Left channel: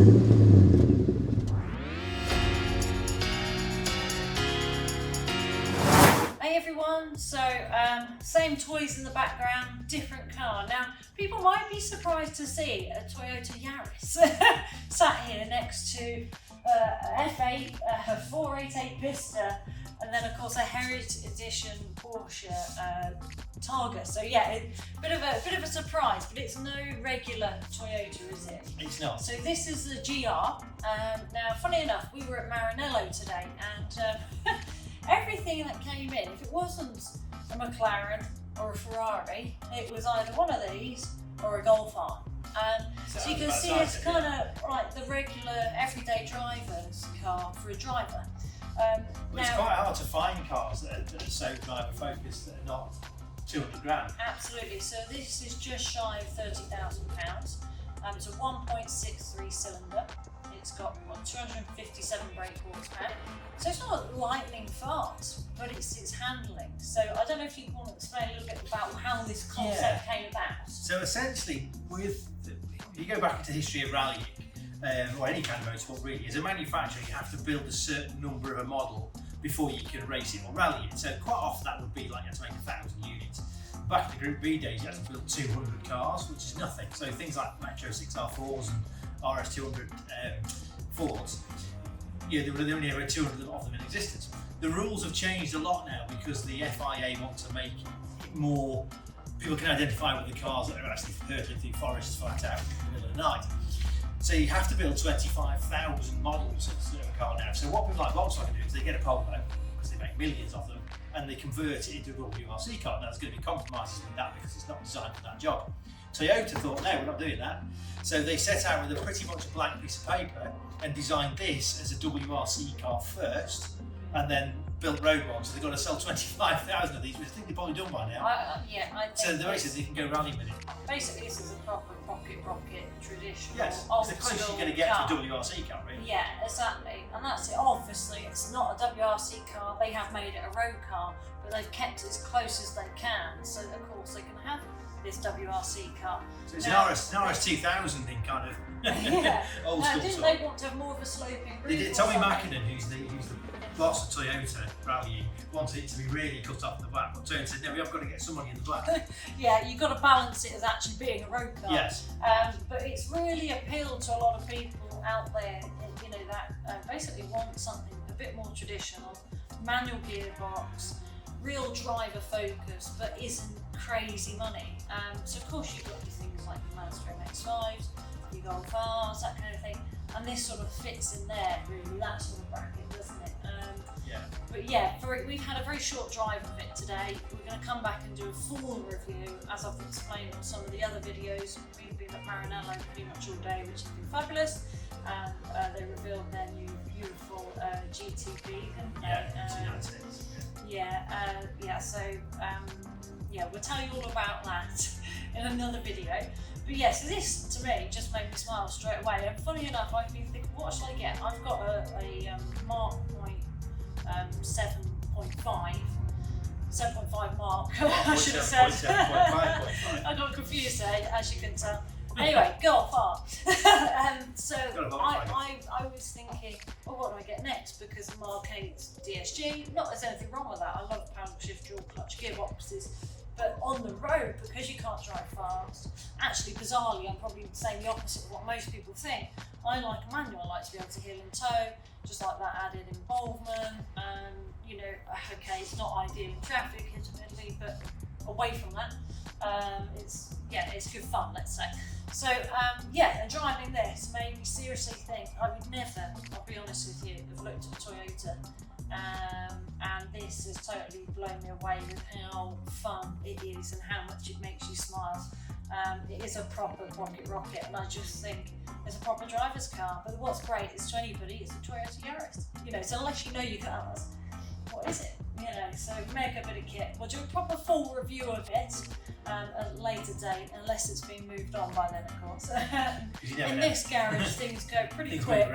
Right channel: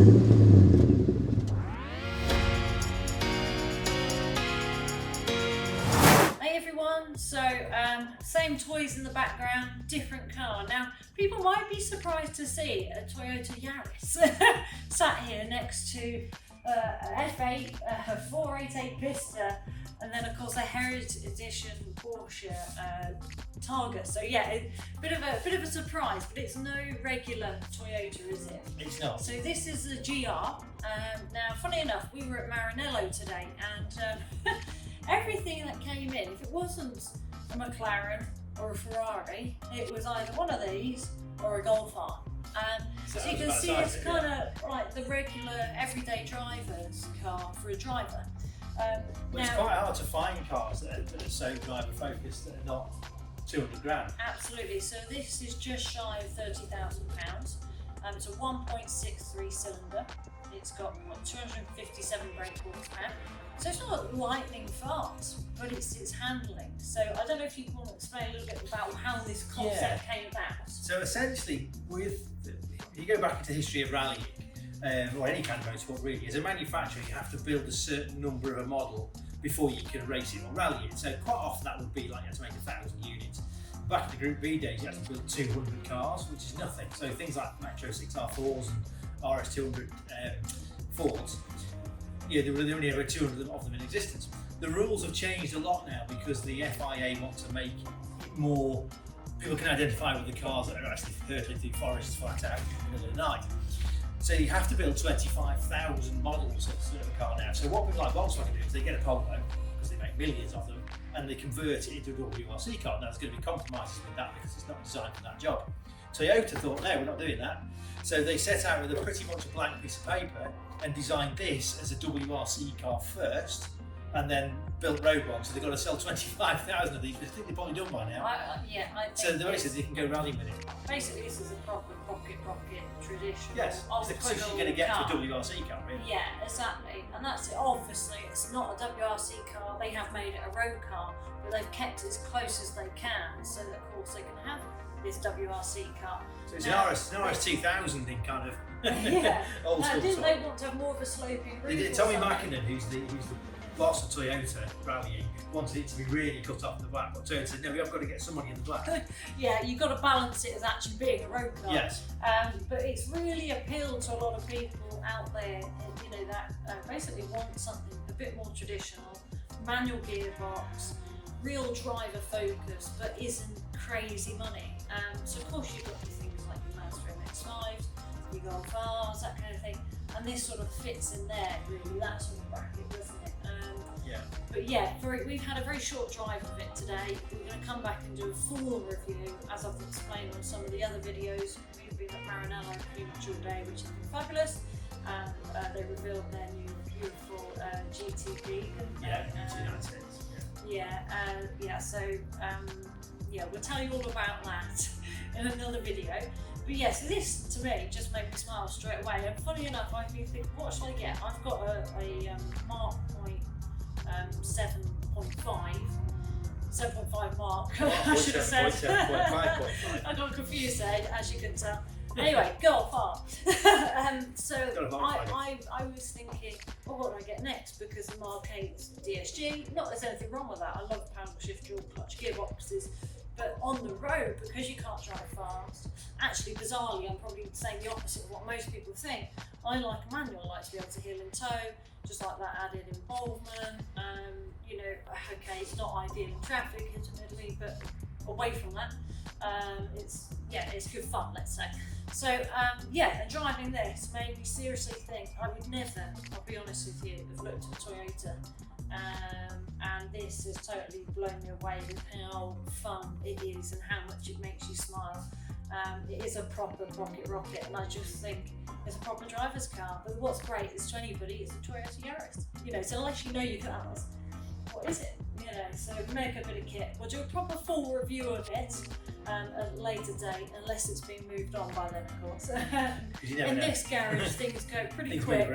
Hey everyone, so same toys in the background, different car. Now, people might be surprised to see a Toyota Yaris sat here next to a F8, a 488 Vista, and then of course a Heritage Edition Porsche Targa. So yeah, a bit of a surprise, but it's no regular Toyota, is it? It's not. So this is the GR. Now, funny enough, we were at Maranello today, and everything that came in, if it wasn't a McLaren or a Ferrari, it was either one of these or a Golf R. And so you can see it's kind of like the regular everyday driver's car for a driver. Well, it's quite hard to find cars that are so driver focused that are not 200 grand. Absolutely. So this is just shy of £30,000. It's a 1.63 cylinder. It's got 257 brake horsepower. So it's not lightning fast, but it's handling. So I don't know if you want to explain a little bit about how this concept came about. So essentially, if you go back into the history of rallying, or any kind of motorsport really, as a manufacturer you have to build a certain number of a model before you can race it or rally it. So quite often that would be like you had to make 1,000 units. Back in the Group B days you had to build 200 cars, which is nothing. So things like Metro 6R4s and RS200 Fords, there were only ever 200 of them in existence. The rules have changed a lot now because the FIA want to make it more, people can identify with the cars that are actually hurtling through forests flat out in the middle of the night. So you have to build 25,000 models of a car now. So what people like Volkswagen do is they get a Polo, because they make millions of them, and they convert it into a WRC car. Now there's going to be compromises with that because it's not designed for that job. Toyota thought, no, we're not doing that. So they set out with a pretty much a blank piece of paper and designed this as a WRC car first, and then built road ones. So they've got to sell 25,000 of these, which I think they've probably done by now. So the races they can go rallying with it. Basically, this is a proper rocket traditional. Yes, it's the closest you're going to get to a WRC car, really. Yeah, exactly. And that's it. Obviously, it's not a WRC car. They have made it a road car, but they've kept it as close as they can, so that of course they can have this WRC car. So it's an RS 2000 in kind of old school. Didn't they want to have more of a sloping roof? Tommy Mackinnon, who's the boss of Toyota rallying, wanted it to be really cut off at the back, but Toyota said, no, we have got to get somebody in the back. Yeah, you've got to balance it as actually being a road car. Yes. But it's really appealed to a lot of people out there, that basically want something a bit more traditional, manual gearbox, real driver focus, but isn't crazy money. So of course you've got your things like the Mazda MX-5s, your Golf Rs, that kind of thing, and this sort of fits in there, really, that sort of bracket, doesn't it? But yeah, we've had a very short drive of it today. We're going to come back and do a full review, as I've explained on some of the other videos. We've been at Maranello pretty much all day, which has been fabulous. They revealed their new beautiful GTB. We'll tell you all about that in another video. But yeah, so this to me just made me smile straight away. And funny enough, I've been thinking, what should I get? I've got a Mark 7.5 Mark, I should have said. 7.5. I got confused there, as you can tell. Anyway, Golf R. So I was thinking, what do I get next? Because the Mark 8's DSG, not there's anything wrong with that. I love paddle shift dual clutch gearboxes. But on the road, because you can't drive fast, actually bizarrely, I'm probably saying the opposite of what most people think. I like a manual, I like to be able to heel and toe, just like that added involvement. Okay, it's not ideal in traffic, admittedly, but away from that, it's good fun, let's say. So and driving this made me seriously think I would never, I'll be honest with you, have looked at Toyota. And this has totally blown me away with how fun it is and how much it makes you smile. It is a proper rocket, and I just think it's a proper driver's car. But what's great is to anybody, it's a Toyota Yaris. So unless you know your cars, what is it? So make a bit of kit. We'll do a proper full review of it at a later date, unless it's been moved on by then, of course. In this garage, things go pretty quick.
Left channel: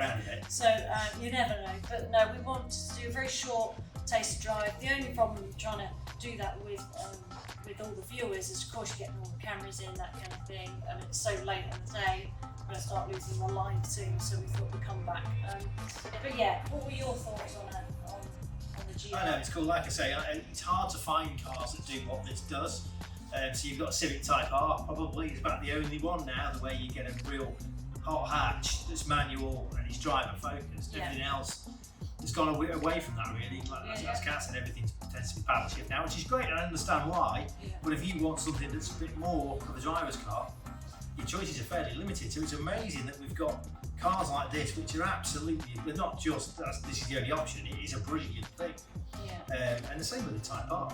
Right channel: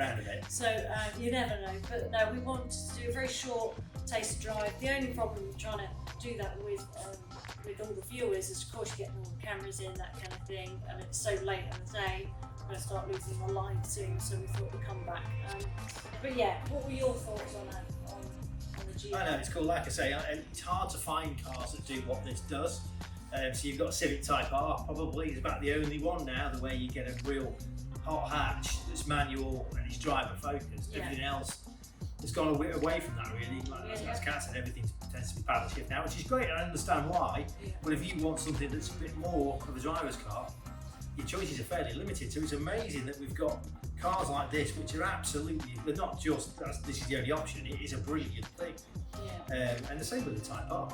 So you never know. But no, we want to do a very short taste drive. The only problem with trying to do that with all the viewers is, of course, you get all the cameras in, that kind of thing, and it's so late in the day. I'm going to start losing my live soon, so we thought we'd come back. But yeah, what were your thoughts on the GR? I know, it's cool. Like I say, it's hard to find cars that do what this does. So you've got a Civic Type R, probably is about the only one now, the way you get a real hot hatch that's manual and it's driver focused. Yeah. Everything else has gone away from that, really. Like, as Kat said, everything tends to be paddle shift now, which is great, and I understand why. Yeah. But if you want something that's a bit more of a driver's car, your choices are fairly limited. So it's amazing that we've got cars like this, which are absolutely, but not just this is the only option. It is a brilliant thing. Yeah. And the same with the Type R.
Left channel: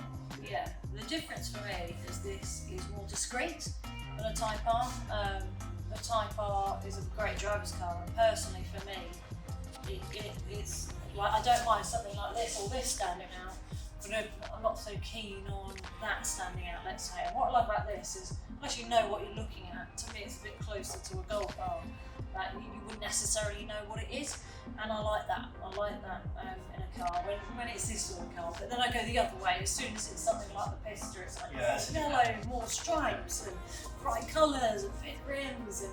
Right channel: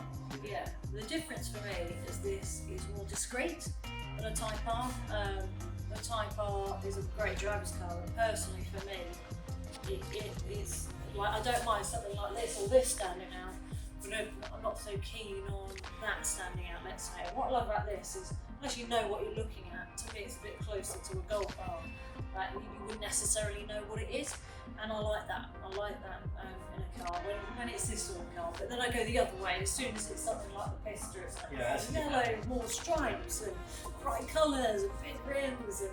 Yeah, the difference for me is this is more discreet than a Type R. The Type R is a great driver's car, and personally for me, it is like, I don't mind something like this or this standing out, but I'm not so keen on that standing out. Let's say. What I love about this is, unless you know what you're looking at, to me it's a bit closer to a golf car. You wouldn't necessarily know what it is, and I like that. I like that in a car when it's this sort of car. But then I go the other way. As soon as it's something like the Pista, it's like yellow, more stripes and bright colours and big rims, and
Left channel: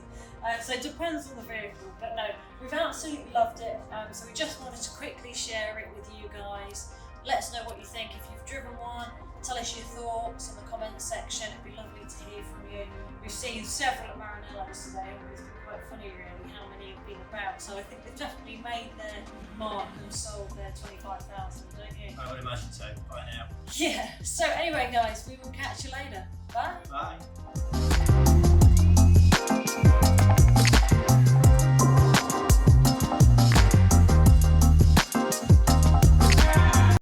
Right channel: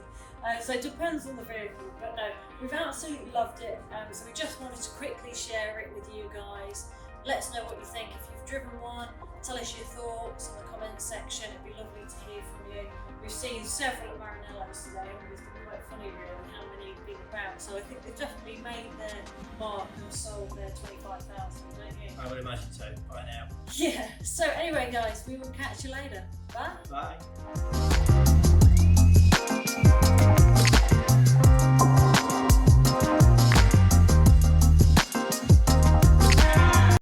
so it depends on the vehicle. But no, we've absolutely loved it. So we just wanted to quickly share it with you guys. Let us know what you think if you've driven one. Tell us your thoughts in the comments section. It'd be lovely to hear from you. We've seen several Maranellos today, and it's been quite funny really how many have been about. So I think they've definitely made their mark and sold their 25,000, don't you? I would imagine so by now. Yeah. So anyway, guys, we will catch you later. Bye. Bye.